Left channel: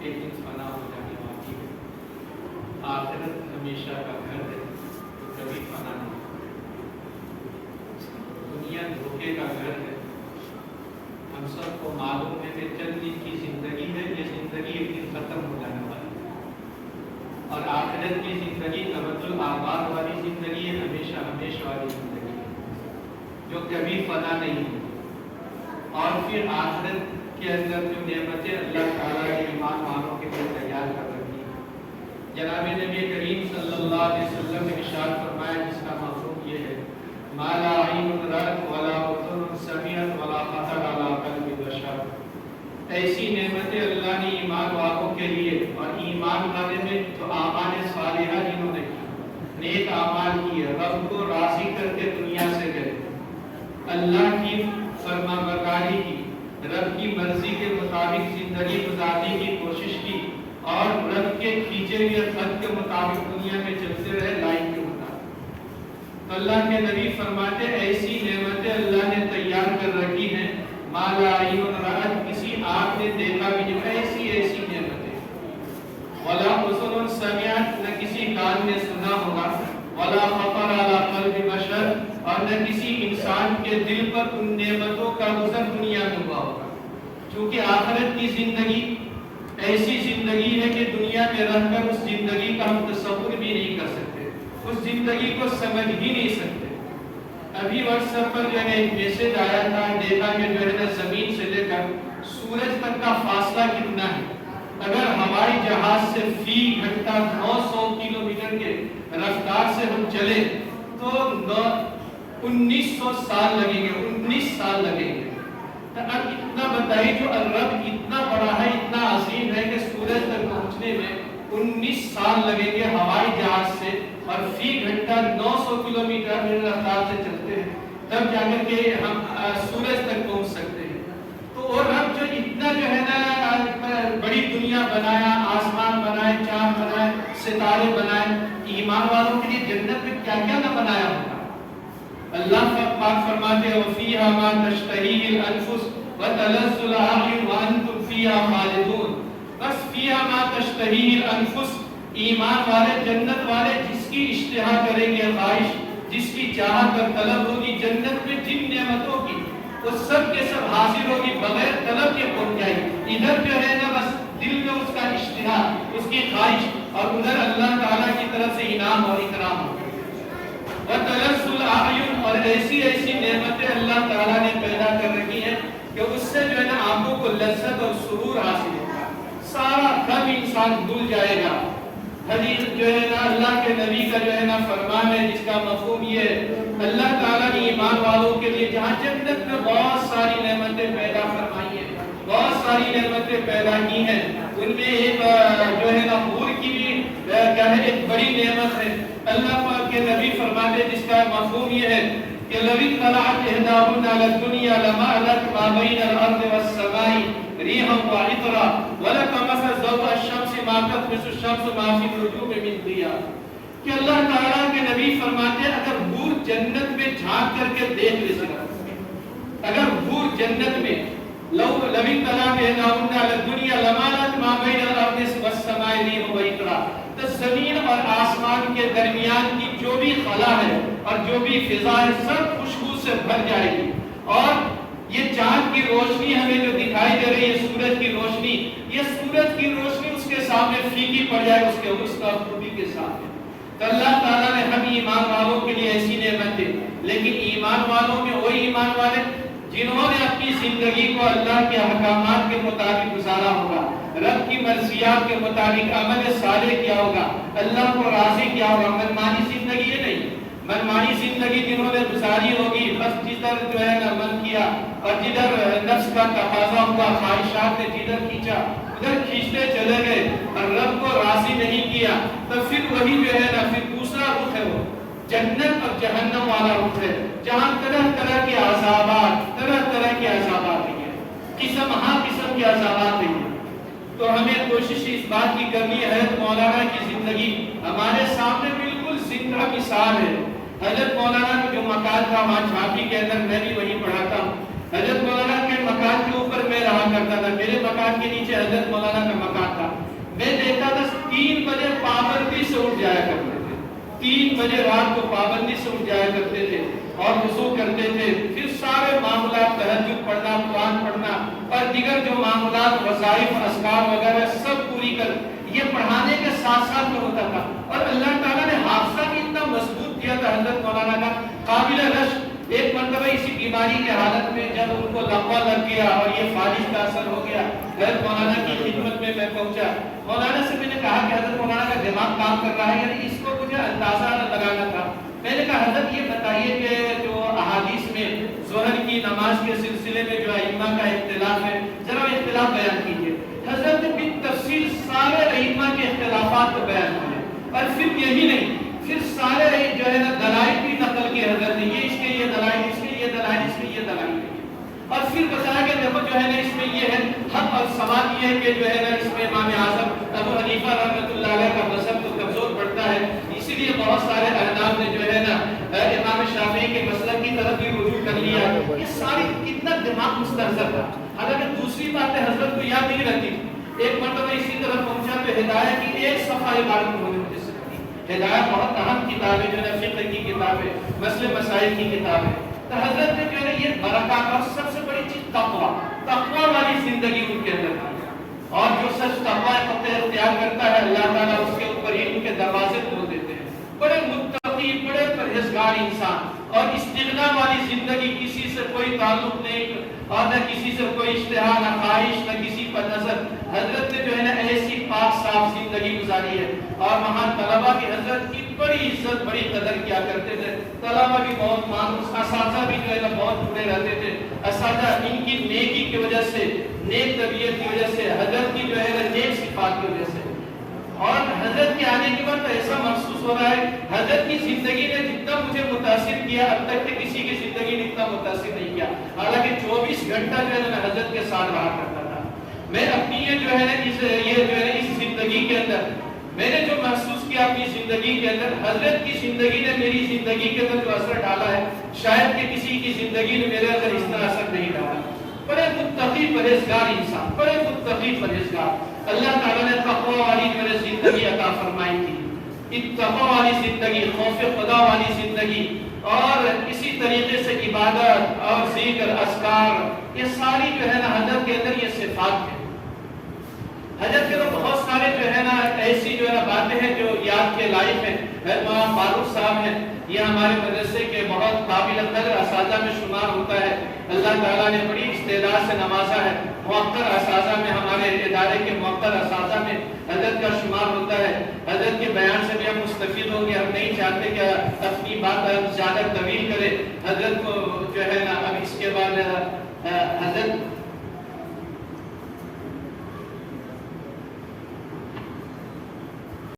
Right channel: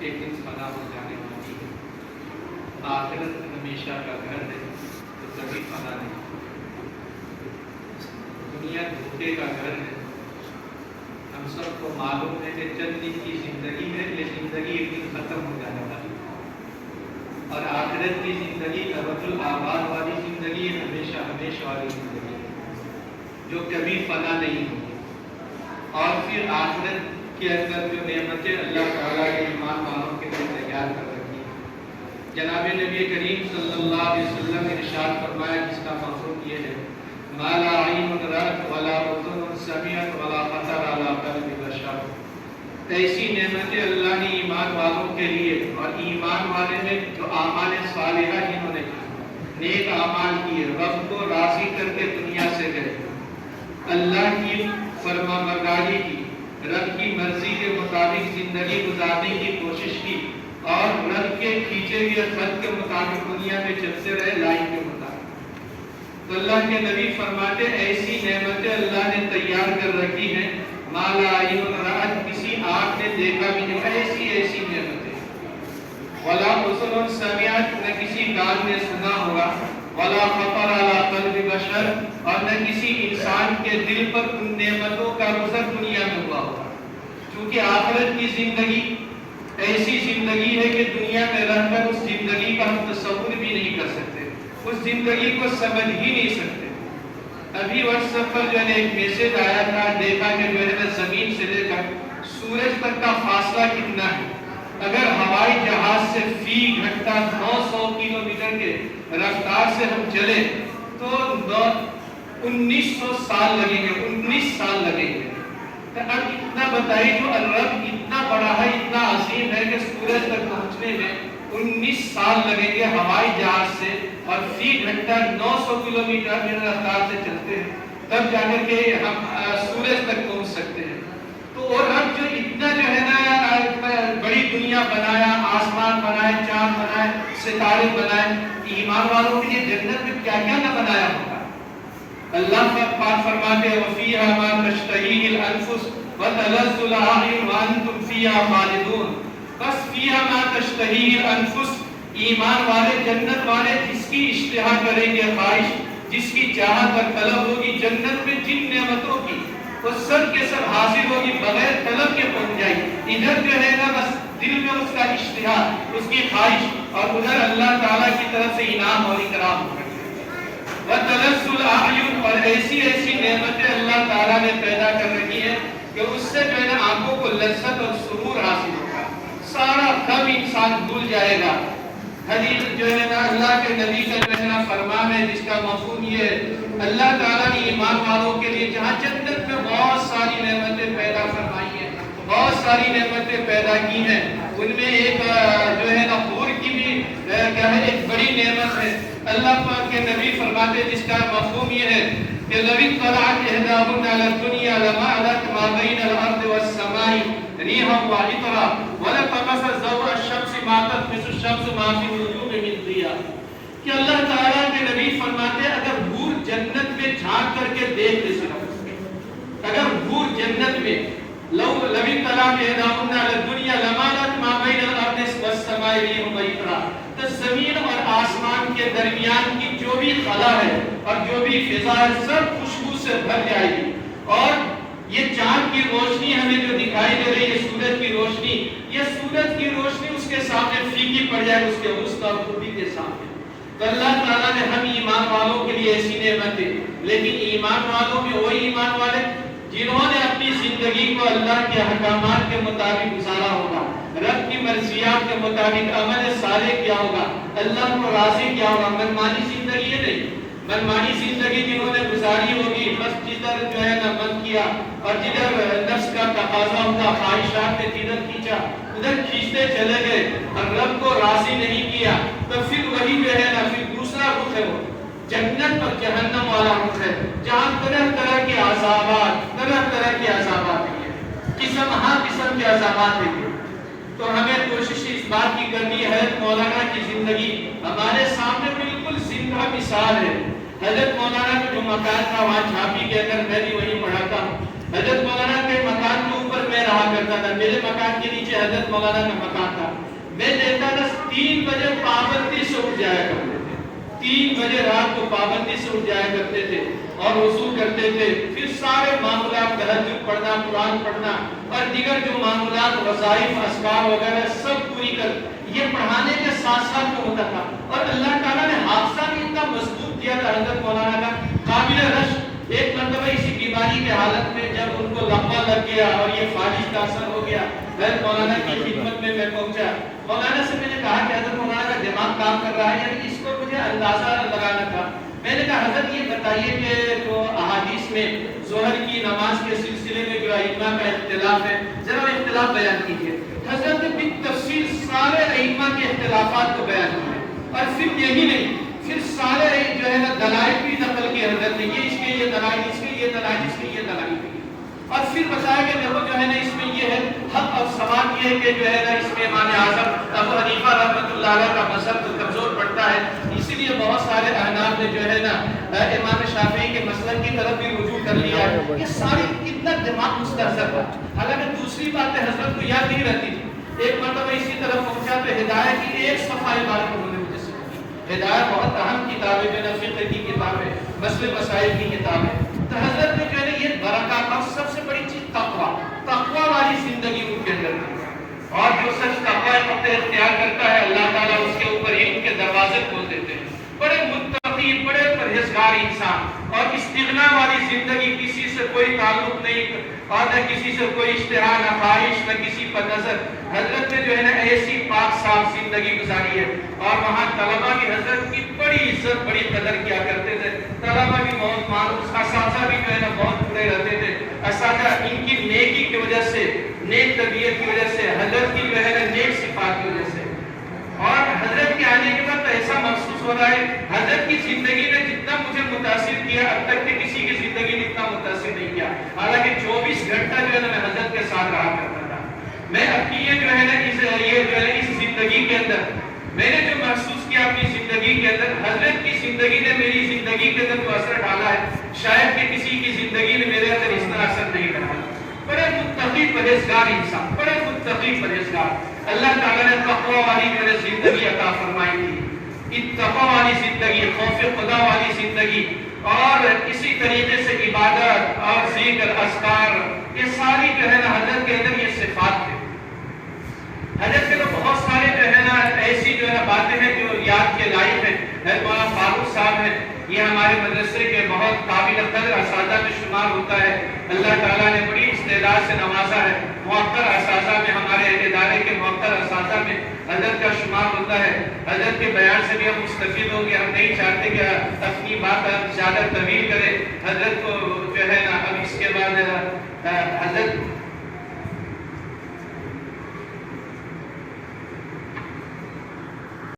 ایک دن فنا ہو جانے والی ہے، آخرت ہمیشہ کا گھر ہے تو کبھی فنا نہیں، دنیا دھوکے کا گھر ہے۔ ہم سب کو معلوم ہے کہ چند دن کی زندگی ہے، یہ زندگی ایک دن ختم ہو جانے والی ہے، اور آخرت کی زندگی ابد الآباد والی زندگی ہے، ہمیشہ ہمیشہ والی زندگی ہے جو کبھی فنا نہیں ہوگی۔ اور پھر آخرت کے اندر جو نعمتیں اللہ تعالیٰ نے ایمان والوں کے لیے تیار کر رکھی ہیں، جناب نبی کریم صلی اللہ علیہ وسلم نے ارشاد فرمایا جس کا مفہوم یہ ہے ما لا عین رأت ولا اذن سمعت ولا خطر علی قلب بشر۔ ایسی نعمتیں اللہ نے ایمان والوں کے لیے، اور ایمان والے میں جو اعمال صالحہ جنہوں نے نیک اعمال کیے، رب کو راضی کر کے دنیا سے گئے، اللہ کی فرما برداری کی، رب کی مرضی کے مطابق زندگی گزارنے کی کوشش کی، اور رب کے کھینچے ہوئے خط کے مطابق دنیا میں چلتے رہے لائن کے مطابق۔ تو اللہ کے نبی فرماتے ایسی نعمتیں اللہ نے تیار کر رکھی ہیں ما لا عین رأت، کسی آنکھ نے دیکھا بھی نہیں، ایسی ایسی نعمتیں، ولا اذن سمعت، نہ کسی کان نے سنا ہوگا، ولا خطر علی قلب بشر، اور نہ کسی انسان کے دل پر ان نعمتوں کا گزر دنیا میں ہوا ہوگا۔ چونکہ آخرت کی زندگی ایسی زندگی ہے کہ دنیا میں رہ کر اس زندگی کا ہم تصور بھی نہیں کر سکتے، اس زندگی کو سمجھ ہی نہیں سکتے۔ ابھی واٹس ایپ پر جو ہے ایک میسج آیا تھا، دیکھا کہ جو ہے زمین سے لے کر سورج تک کا فاصلہ کتنا ہے۔ اگر ہوائی جہاز سے فی گھنٹہ 900 کلومیٹر کے رفتار سے ہم چلے تو 1900 سال لگیں گے، 19 سال لگیں گے۔ تو اب اتنا بتائیے جو رب اتنا بڑا ہے، اتنا عظیم ہے کہ سورج تک پہنچنے میں 19 سال لگیں گے ہوائی جہاز سے، اور فی گھنٹہ 900 کلومیٹر کی رفتار سے چلتے ہیں، تب جا کر کے ہم سورج تک پہنچ سکتے ہیں۔ تو اور رب جو اتنا جو ہے نا بڑی دنیا بنایا، آسمان بنائے، چاند بنائے، ستارے بنائے، ایمان والوں کے لیے جنت میں کیا کیا نہ بنایا ہوگا۔ اللہ پاک فرماتے ہیں وَفِيهَا مَا تَشْتَهِيهِ الْأَنفُسُ وَتَلَذُّ الْأَعْيُنُ وَأَنْتُمْ فِيهَا خَالِدُونَ۔ بس فِيهَا مَا تَشْتَهِيهِ الْأَنفُسُ، ایمان والے جنت والے جس کی اشتہا کریں گے، خواہش جس کی چاہت اور طلب ہوگی جنت میں جن نعمتوں کی، وہ سب کے سب حاصل ہوگی، بغیر طلب کے پہنچ جائے گی۔ ادھر جو ہے نا بس دل میں اس کا اشتہا، اس کی خواہش، اور ادھر اللہ تعالیٰ کی طرف سے انعام اور اکرام ہوگا۔ وَتَلَذُّ الْأَعْيُنُ، اور ایسی ایسی نعمتیں اللہ تعالیٰ نے پیدا کر رکھی ہیں کہ اس سے جو ہے نا آنکھوں کو لذت اور سرور حاصل ہوگا، سارا غم انسان بھول جائے گا۔ حدیث جو ہے نا اللہ کے نبی کا جو ہے نا فرمان ہے جس کا مفہوم یہ ہے، اللہ تعالیٰ نے ایمان والوں کے لیے جہاں جنت میں بہت ساری نعمتیں پیدا فرمائی ہیں، بہت ساری نعمتیں پیدا کی ہیں، ان میں ایک جو ہے نا حور کی بھی کیا ہے ایک بڑی نعمت ہے۔ اللہ پاک کے نبی فرماتے جس کا مفہوم یہ ہے کہ لَوِ اطَّلَعَتْ إِحْدَاهُنَّ عَلَى الدُّنْيَا لَمَالَتْ مَا بَيْنَ الْأَرْضِ وَالسَّمَاءِ رِيحًا وَعِطْرًا وَلَطَمَسَ ضَوْءَ الشَّمْسِ مَا تَطْمِسُ الشَّمْسُ مَا فِي النُّجُومِ مِنْ ضِيَاءٍ۔ کہ اللہ تعالیٰ کے نبی فرماتے ہیں اگر حور جنت میں جھانک کر کے دیکھ لے سکتا، اگر حور جنت میں لَوِ اطَّلَعَتْ إِحْدَاهُنَّ عَلَى الدُّنْيَا لَمَالَتْ مَا بَيْنَ الْأَرْضِ وَالسَّمَاءِ رِيحًا وَعِطْرًا، تو زمین اور آسمان کے درمیان کی جو بھی خلا ہے اور جو بھی فضا ہے سب خوشبو سے بھر جائے گی، اور یہ چاند کی روشنی ہمیں جو دکھائی دے رہی ہے، سورج کی روشنی، یہ سورج کی روشنی اس کے سامنے پھیکی پڑ جائے اس کے حسن اور خوبی کے سامنے۔ تو اللہ تعالیٰ نے ہم ایمان والوں کے لیے ایسی نعمت دی، لیکن ایمان والوں میں وہی ایمان والے جنہوں نے اپنی زندگی کو اللہ کے احکامات کے مطابق گزارا ہوگا، رب کی مرضیات کے مطابق عمل صالح کیا ہوگا، اللہ کو راضی کیا ہوگا۔ منمانی زندگی یہ نہیں، منمانی زندگی جنہوں نے گزاری ہوگی، بس جدھر جو ہے نا من کیا اور جدھر نفس کا تقاضا ہوگا، خواہشات نے جدھر کھینچا ادھر کھینچتے چلے گئے اور رب کو راضی نہیں کیا، تو پھر وہی جو ہے نا پھر دوسرا رخ ہے، وہ جنت اور جہنم والا رخ ہے، جہاں طرح طرح کے عذابات ہیں، قسم کے عذابات ہیں۔ تو ہمیں کوشش اس بات کی کرنی ہے، مولانا کی زندگی ہمارے سامنے بالکل زندہ مثال ہے۔ حضرت مولانا کا جو مکان تھا وہاں چھاپی کے اندر میں بھی وہیں پڑھا تھا، حضرت مولانا کے مکان کے اوپر میں رہا کرتا تھا، میرے مکان چٹان کے نیچے حضرت مولانا کا مکان تھا. میں دیکھتا تھا 3 بجے پابندی سے اٹھ جایا کرتے تھے, 3 بجے رات کو پابندی سے اٹھ جایا کرتے تھے اور وضو کرتے تھے. پھر سارے معاملات, تہجد پڑھنا, قرآن پڑھنا اور دیگر جو معاملات, وظائف, اذکار وغیرہ سب پوری کر, یہ پڑھانے کے ساتھ ساتھ میں ہوتا تھا. اور اللہ تعالیٰ نے حافظہ بھی اتنا مضبوط کیا تھا حضرت مولانا کا, قابل رشک. ایک مرتبہ اسی بیماری کے حالت میں جب ان کو لقوہ لگ گیا اور یہ فالج کا اثر ہو گیا, حضرت مولانا کی خدمت میں پہنچا. مولانا سے میں نے کہا کہ حضرت مولانا کا دماغ کام کر رہا ہے, یعنی اس کو مجھے اندازہ لگانا تھا. میں نے کہا حضرت یہ بتائیے کہ جو احادیث میں ظہر کی نماز کے سلسلے میں جو ائمہ کا اختلاف ہے, ذرا اختلاف بیان کیجیے. حضرت نے بالتفصیل سارے ائمہ کے اختلافات کو بیان کیا, اور پھر یہی نہیں, پھر سارے جو ہے نا دلائل بھی نقل کیے حضرت نے, یہ اس کے یہ دلائل, اس کے یہ دلائل, اس کے یہ دلائل, اور پھر بتایا کہ دیکھو جو ہے نا اس میں یہ ہے حق اور ثواب یہ ہے کہ جو ہے نا اس میں امام اعظم ابو حنیفہ رحمۃ اللہ علیہ کا مذہب تو کمزور پڑتا ہے, اسی لیے بہت سارے احناف نے جو ہے نا امام شافعی کے مسلک کی طرف بھی رجوع کر لیا. یہ ساری کتنا دماغ مستحضر تھا. حالانکہ دوسری باتیں حضرت کو یاد نہیں رہتی تھی. ایک مرتبہ اسی طرف پہنچا تو ہدایت کی ایک صفحہ عبارت انہوں نے مجھے سکھائی. ہدایت بہت اہم کتاب ہے, جو ہے فقہ کی کتاب ہے, مسئلے مسائل کی کتاب ہے. تو حضرت نے جو ہے یہ برکات اور سب سے بڑی چیز تقویٰ, تقویٰ والی زندگی ان کے اندر تھی. اور جو سچ تقویٰ اختیار کرتا ہے, اللہ تعالیٰ اس کے اوپر علم کے دروازے کھول دیتے ہیں. بڑے متقی, بڑے پرہیزگار انسان, اور استغنا والی زندگی, کسی سے کوئی تعلق نہیں اور نہ کسی سے کوئی اشتہا, نہ خواہش, نہ کسی پر نظر. حضرت نے جو ہے نا ایسی پاک صاف زندگی گزاری ہے. اور وہاں طلبہ بھی حضرت کی بڑی عزت, بڑی قدر کیا کرتے تھے. طلبہ بھی بہت مانوس, اساتذہ بھی جو ہے نا بہت برے رہتے تھے. اساتذہ ان کی نیکی کی وجہ سے, نیک طبیعت کی وجہ سے, حضرت کی جو ہے نا نیک صفات کی وجہ سے. اور حضرت کے آنے کے بعد ایسا محسوس ہو رہا ہے, حضرت کی زندگی نے جتنا مجھے متاثر کیا, اب تک کہ کسی کی زندگی نے اتنا متاثر نہیں کیا. حالانکہ 24 گھنٹہ جو ہے نا میں حضرت کے ساتھ رہا کرتا تھا. میں اپنی یہ جو ہے نا اس زندگی کے اندر میں نے جو محسوس کیا اپنی زندگی کے اندر, حضرت کی زندگی نے میری زندگی کے اندر جو اثر ڈالا ہے, شاید کہ کسی کی زندگی نے میرے اندر اس طرح اثر نہیں ڈالا. بڑے متقی پرہیزگار انسان, بڑے متقی پرہیزگار. اللہ تعالیٰ نے تقویٰ والی میرے زندگی عطا فرمائی تھی. تقویٰ والی زندگی, خوف خدا والی زندگی, اور اسی طریقے سے عبادت اور ذکر, اذکار, یہ ساری جو ہے نا حضرت کے اندر یہ صفات ہے. حضرت کے تو بہت سارے جو ہے نا ایسی جو ہے باتیں ہیں جو یاد کے لائق ہیں. مولانا فاروق صاحب ہیں, یہ ہمارے مدرسے کے بہت قابل قدر اساتذہ میں شمار ہوتا ہے. اللہ تعالیٰ نے بڑی استعداد سے نوازا ہے. موقر اساتذہ میں, ہمارے ادارے کے موقر اساتذہ میں حضرت کا شمار ہوتا ہے. حضرت کے بیان سے بھی ہم مستفید ہوں گے. ہم نہیں چاہتے کہ اپنی بات زیادہ طویل کرے, حضرت کو جو ہے